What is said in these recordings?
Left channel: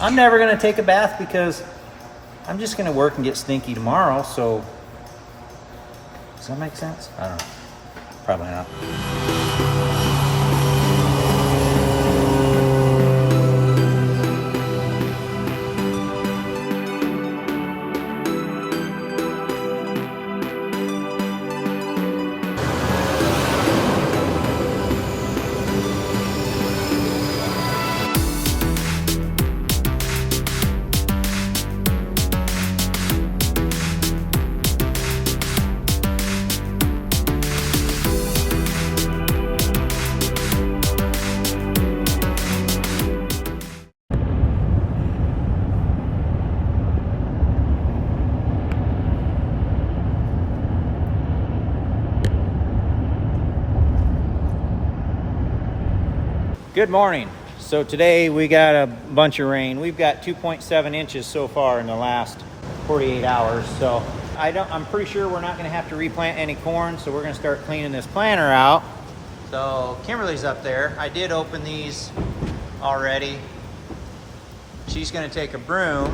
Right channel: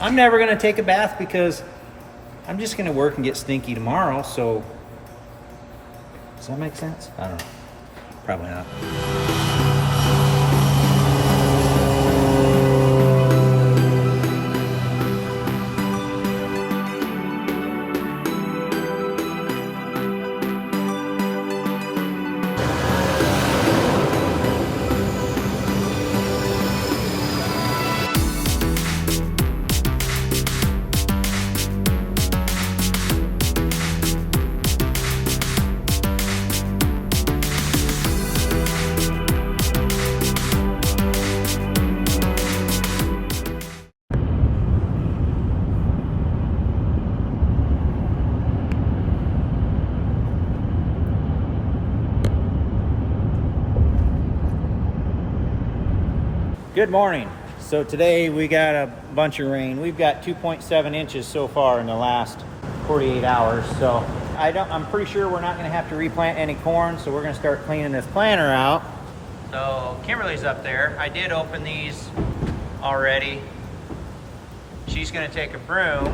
I'm never gonna take a bath because I'm just gonna work and get stinky tomorrow, so. Does that make sense? I don't know. Probably not. Good morning. So today we got a bunch of rain. We've got 2.7 inches so far in the last 48 hours. So I'm pretty sure we're not gonna have to replant any corn. So we're gonna start cleaning this planter out. So Kimberly's up there. I did open these already. She's gonna take a broom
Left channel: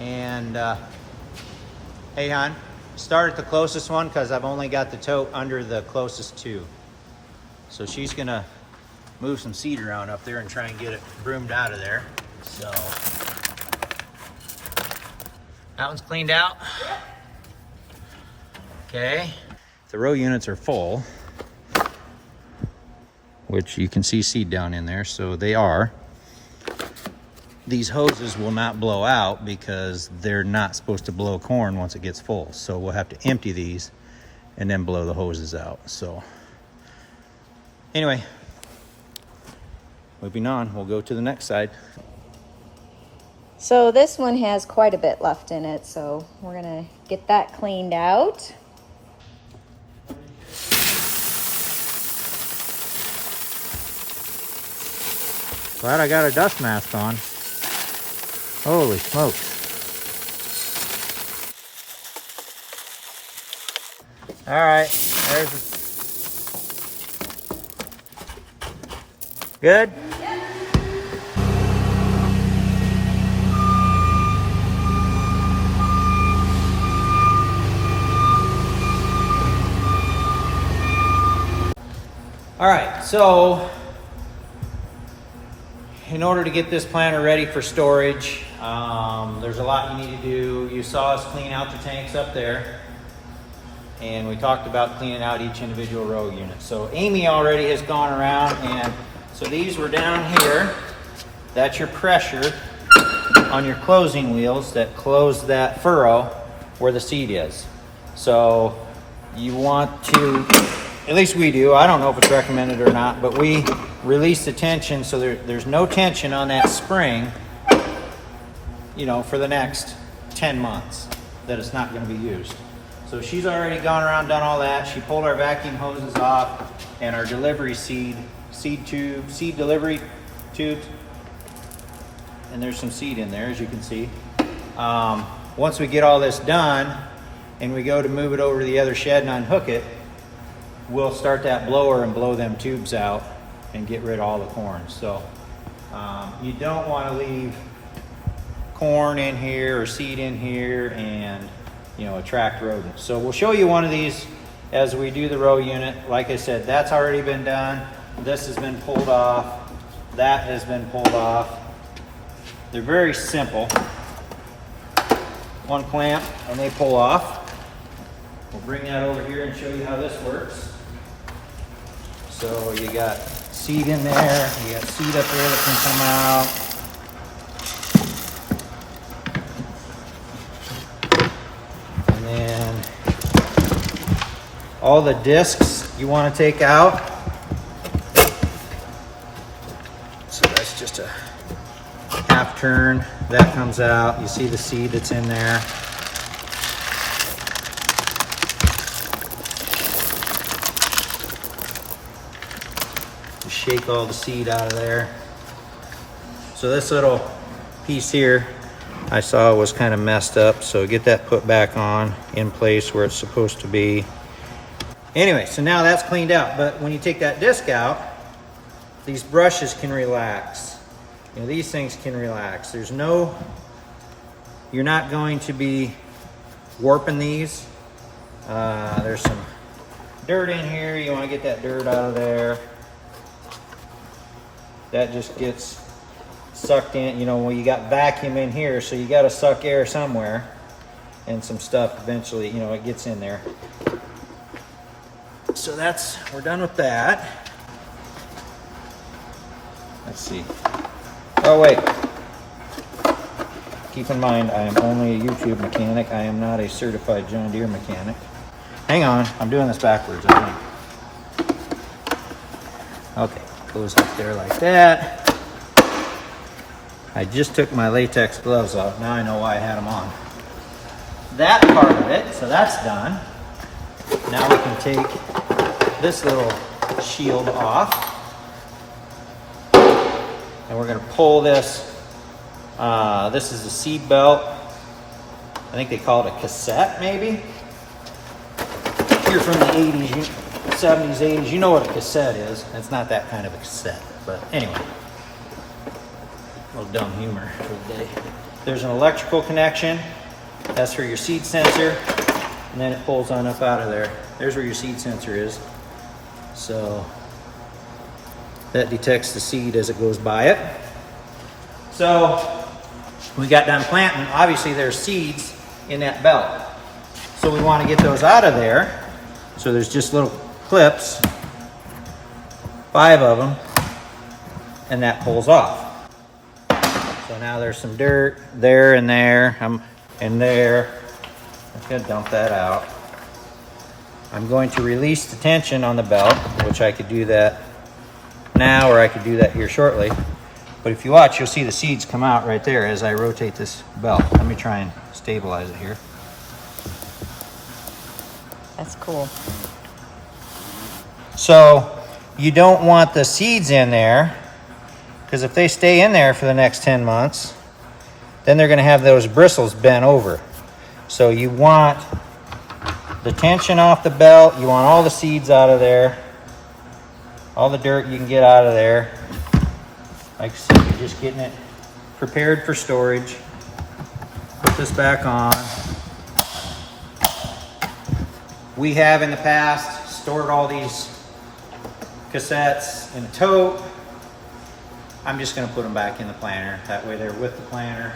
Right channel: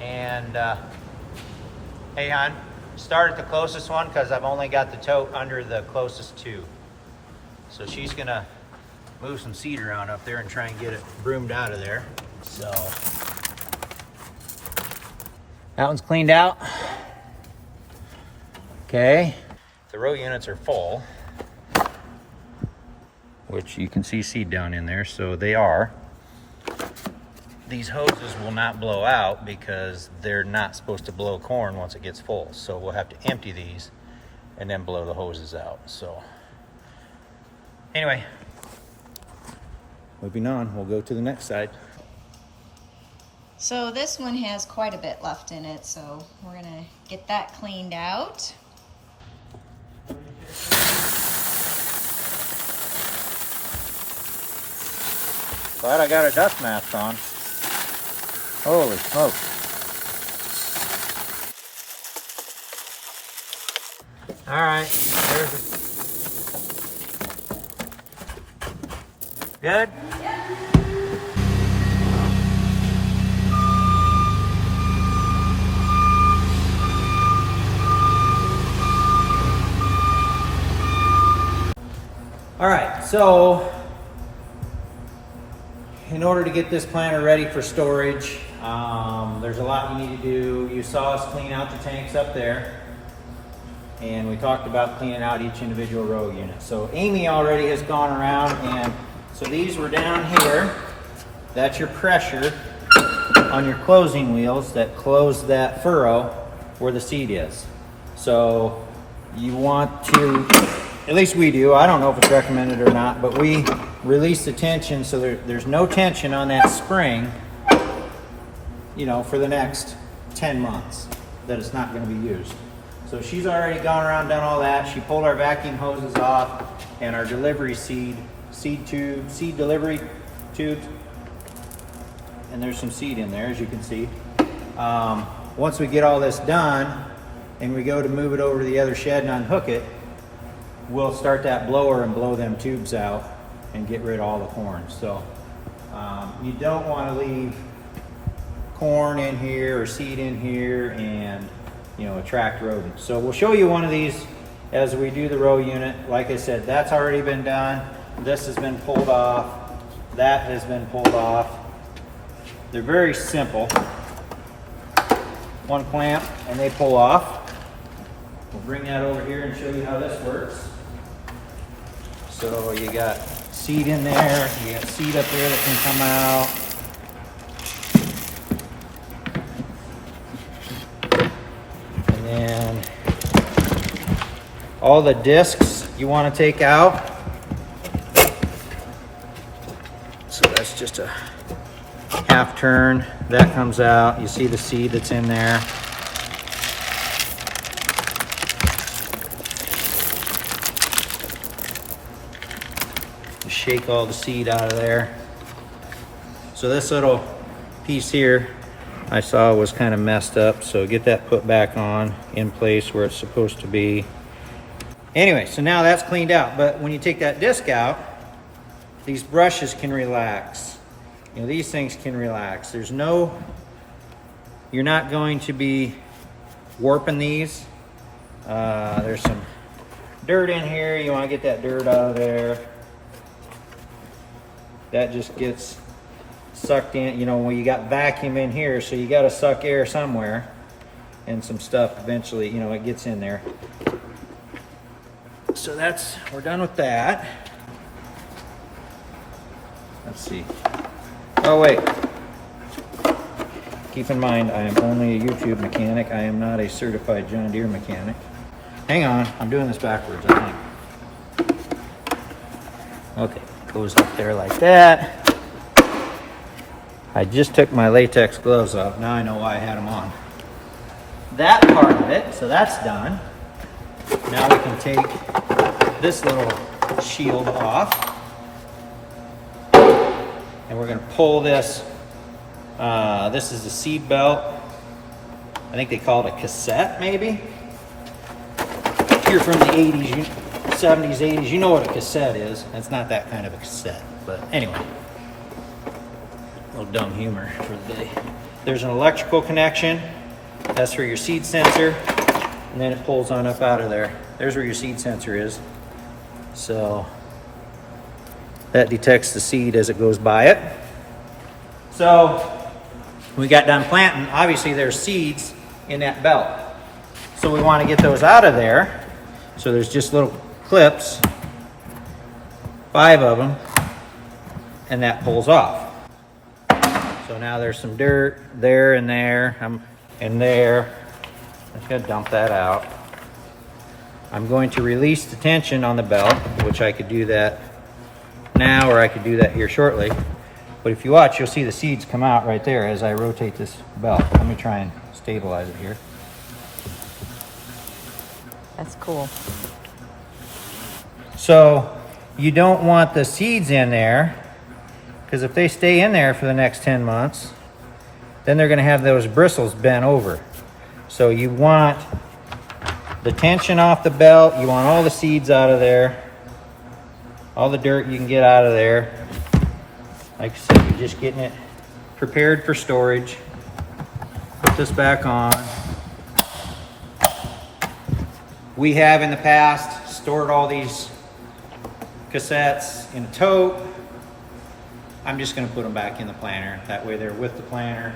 and, hey hon, start at the closest one because I've only got the tote under the closest two. So she's gonna move some seed around up there and try and get it broomed out of there. So that one's cleaned out. Okay. The row units are full, which you can see seed down in there, so they are. These hoses will not blow out because they're not supposed to blow corn once it gets full. So we'll have to empty these and then blow the hoses out. So anyway, moving on, we'll go to the next side. So this one has quite a bit left in it, so we're gonna get that cleaned out. Glad I got a dust mask on. Holy smoke. All right, there's good? All right, so in order to get this planter ready for storage, there's a lot you need to do. You saw us clean out the tanks up there, and we talked about cleaning out each individual row unit. So Amy already has gone around, and so these were down here. That's your pressure on your closing wheels that close that furrow where the seed is. So you want to, at least we do, I don't know if it's recommended or not, but we release the tension so there's no tension on that spring, you know, for the next 10 months that it's not going to be used. So she's already gone around, done all that. She pulled our vacuum hoses off and our delivery seed delivery tubes. And there's some seed in there, as you can see. Once we get all this done and we go to move it over to the other shed and unhook it, we'll start that blower and blow them tubes out and get rid of all the corn. So you don't want to leave corn in here or seed in here and, you know, attract rodents. So we'll show you one of these as we do the row unit. Like I said, that's already been done. This has been pulled off. That has been pulled off. They're very simple. One clamp and they pull off. We'll bring that over here and show you how this works. So you got seed in there, you got seed up there that can come out. And then all the discs you want to take out. So that's just a half turn, that comes out. You see the seed that's in there. Shake all the seed out of there. So this little piece here I saw was kind of messed up, so get that put back on in place where it's supposed to be. Anyway, so now that's cleaned out, but when you take that disc out, these brushes can relax. You know, these things can relax. There's no, you're not going to be warping these. There's some dirt in here. You want to get that dirt out of there. That just gets sucked in. You know, well, you got vacuum in here, so you got to suck air somewhere, and some stuff eventually, you know, it gets in there. So that's, we're done with that. Let's see. Oh wait. Keep in mind, I am only a YouTube mechanic. I am not a certified John Deere mechanic. Hang on, I'm doing this backwards, I think. Okay, goes up there like that. I just took my latex gloves off. Now I know why I had them on. That part of it, so that's done. Now we can take this little shield off. And we're gonna pull this. This is the seed belt. I think they call it a cassette, maybe. If you're from the 80s, 70s, 80s, you know what a cassette is. It's not that kind of a cassette, but anyway. A little dumb humor for the day. There's an electrical connection. That's for your seed sensor. And then it pulls on up out of there. There's where your seed sensor is. So that detects the seed as it goes by it. So we got done planting. Obviously there's seeds in that belt. So we want to get those out of there. So there's just little clips, 5 of them, and that pulls off. So now there's some dirt there and there, and there. I'm just gonna dump that out. I'm going to release the tension on the belt, which I could do that now, or I could do that here shortly. But if you watch, you'll see the seeds come out right there as I rotate this belt. Let me try and stabilize it here. That's cool. So you don't want the seeds in there, because if they stay in there for the next 10 months, then they're gonna have those bristles bent over. So you want the tension off the belt, you want all the seeds out of there, all the dirt you can get out of there. Like I said, you're just getting it prepared for storage. Put this back on. We have in the past stored all these cassettes in a tote. I'm just gonna put them back in the planter. That way they're with the planter.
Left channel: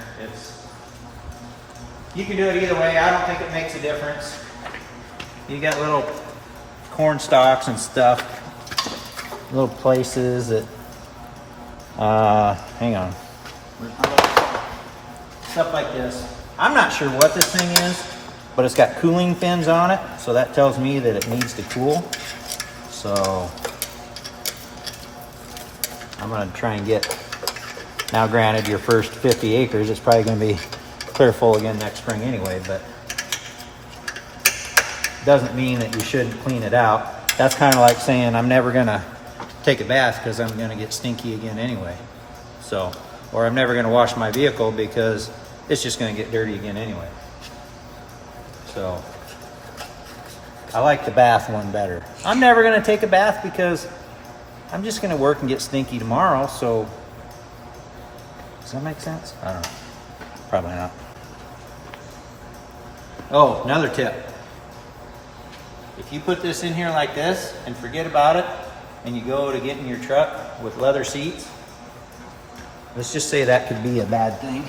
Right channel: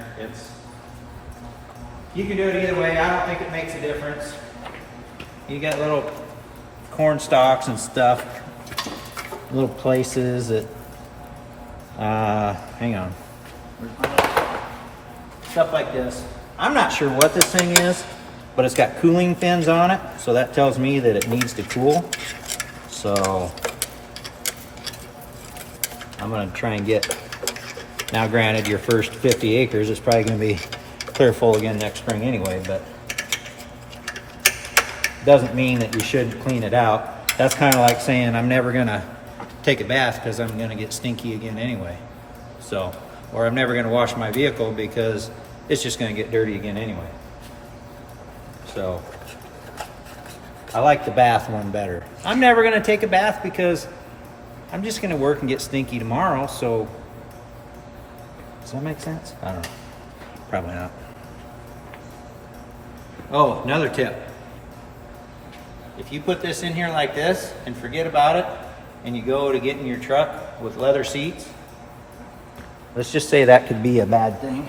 You can do it either way. I don't think it makes a difference. You got little corn stalks and stuff, little places that, hang on. Stuff like this. I'm not sure what this thing is, but it's got cooling fins on it, so that tells me that it needs to cool. So I'm gonna try and get, now granted your first 50 acres, it's probably gonna be clear full again next spring anyway, but doesn't mean that you shouldn't clean it out. That's kind of like saying I'm never gonna take a bath because I'm gonna get stinky again anyway. So, or I'm never gonna wash my vehicle because it's just gonna get dirty again anyway. So, I like the bath one better. I'm never gonna take a bath because I'm just gonna work and get stinky tomorrow, so does that make sense? I don't know. Probably not. Oh, another tip. If you put this in here like this and forget about it, and you go to get in your truck with leather seats, let's just say that could be a bad thing.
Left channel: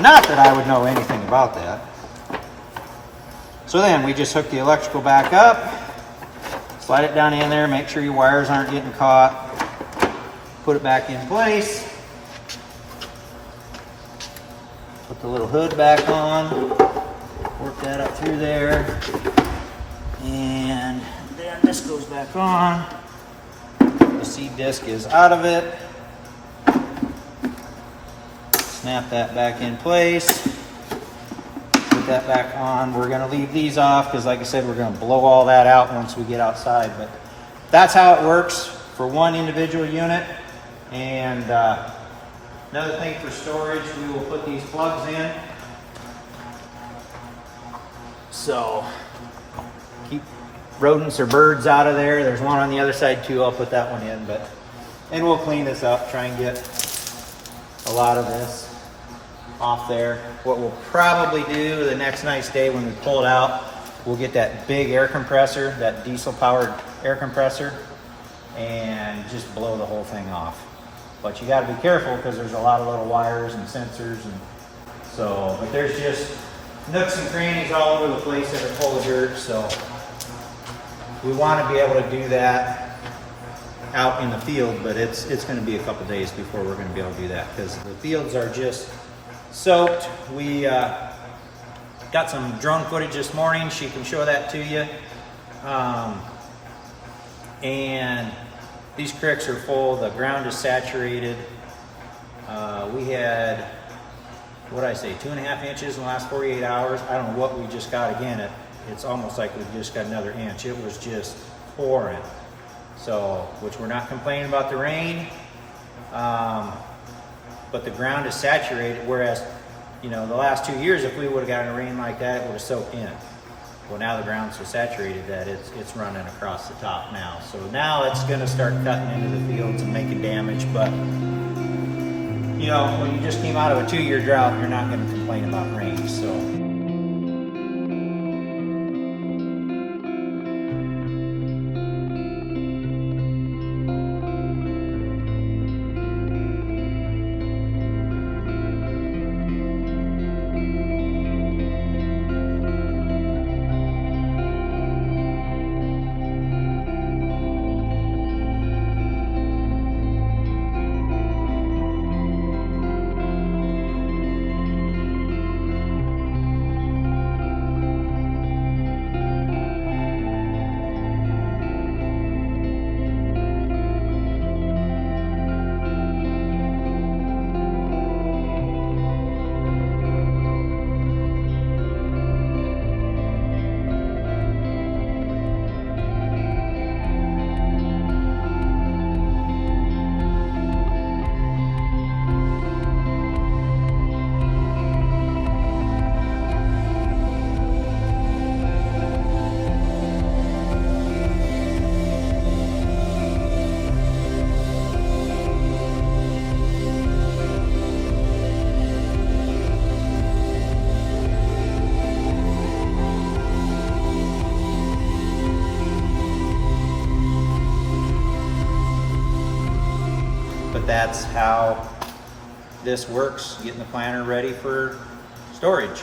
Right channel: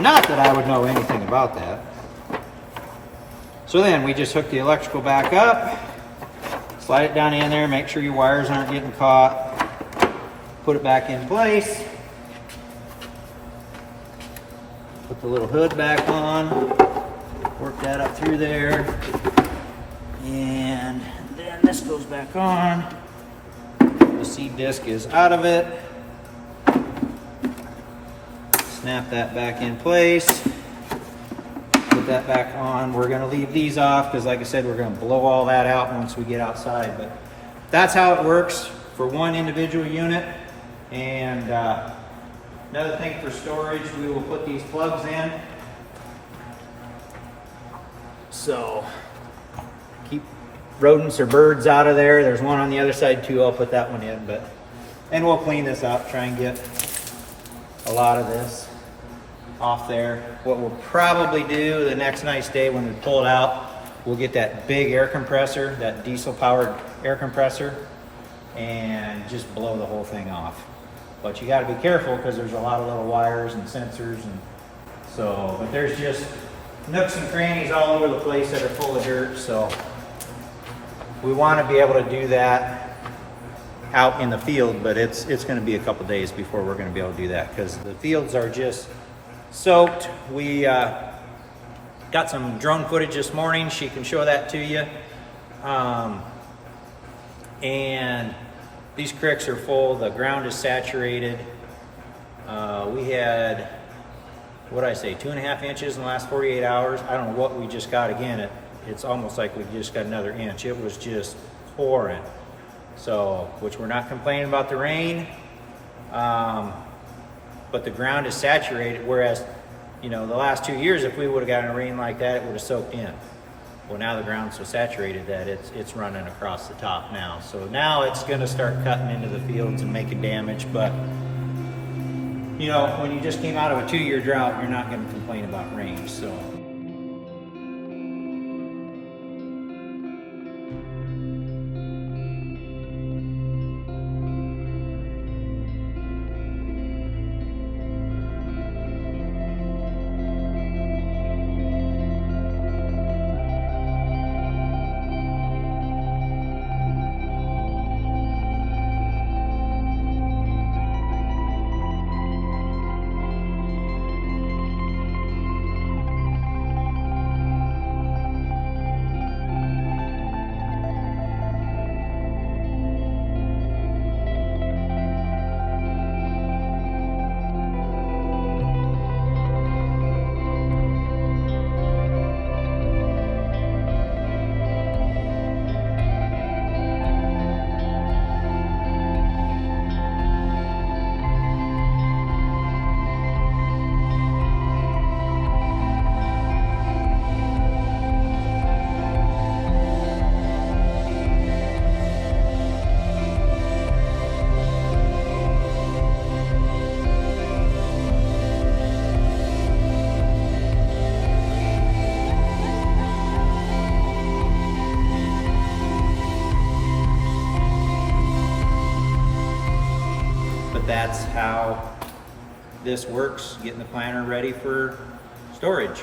Not that I would know anything about that. So then we just hook the electrical back up, slide it down in there, make sure your wires aren't getting caught, put it back in place, put the little hood back on, work that up through there, and then this goes back on. The seed disc is out of it. Snap that back in place, put that back on. We're gonna leave these off because like I said, we're gonna blow all that out once we get outside, but that's how it works for one individual unit. And another thing for storage, we will put these plugs in. So keep rodents or birds out of there. There's one on the other side too. I'll put that one in, and we'll clean this up, try and get a lot of this off there. What we'll probably do the next nice day when we pull it out, we'll get that big air compressor, that diesel powered air compressor, and just blow the whole thing off. But you got to be careful because there's a lot of little wires and sensors, and so, but there's just nooks and crannies all over the place that are full of dirt. So we want to be able to do that out in the field, but it's going to be a couple days before we're going to be able to do that because the fields are just soaked. We got some drone footage this morning. She can show that to you. And these creeks are full. The ground is saturated. We had, what did I say, 2.5 inches in the last 48 hours. I don't know what we just got again. It's almost like we just got another inch. It was just pouring. So, which we're not complaining about the rain, but the ground is saturated, whereas, you know, the last 2 years, if we would have gotten a rain like that, it would have soaked in. Well, now the ground's so saturated that it's running across the top now. So now it's gonna start cutting into the fields and making damage, but you know, when you just came out of a 2-year drought, you're not gonna complain about rain, so. But that's how this works, getting the planter ready for storage.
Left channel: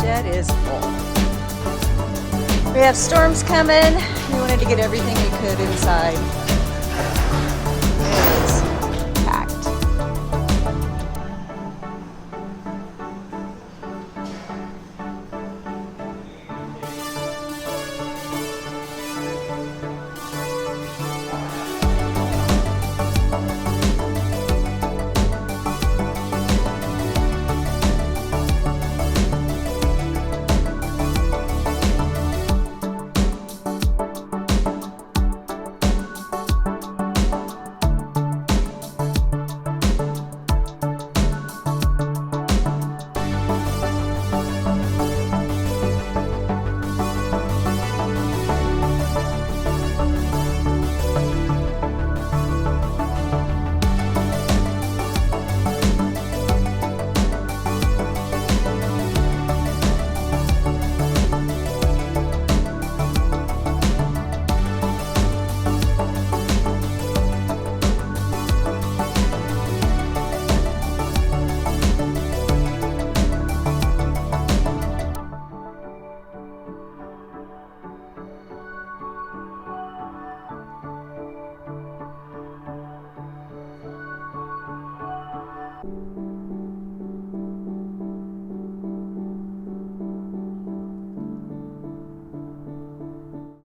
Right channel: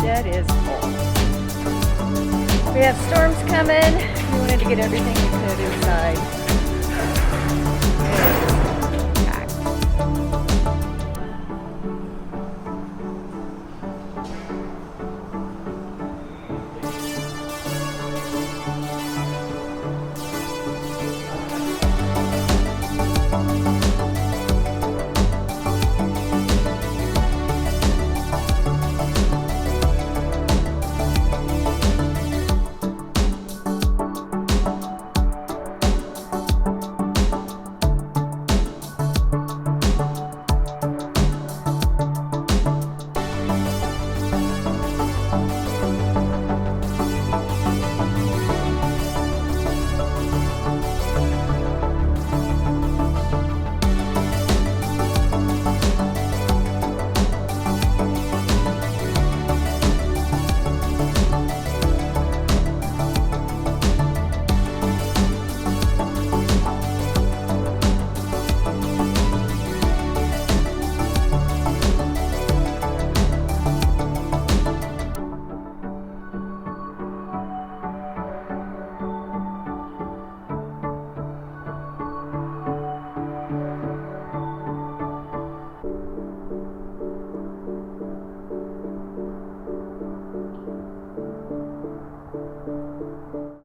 Shed is full. We have storms coming. We wanted to get everything we could inside.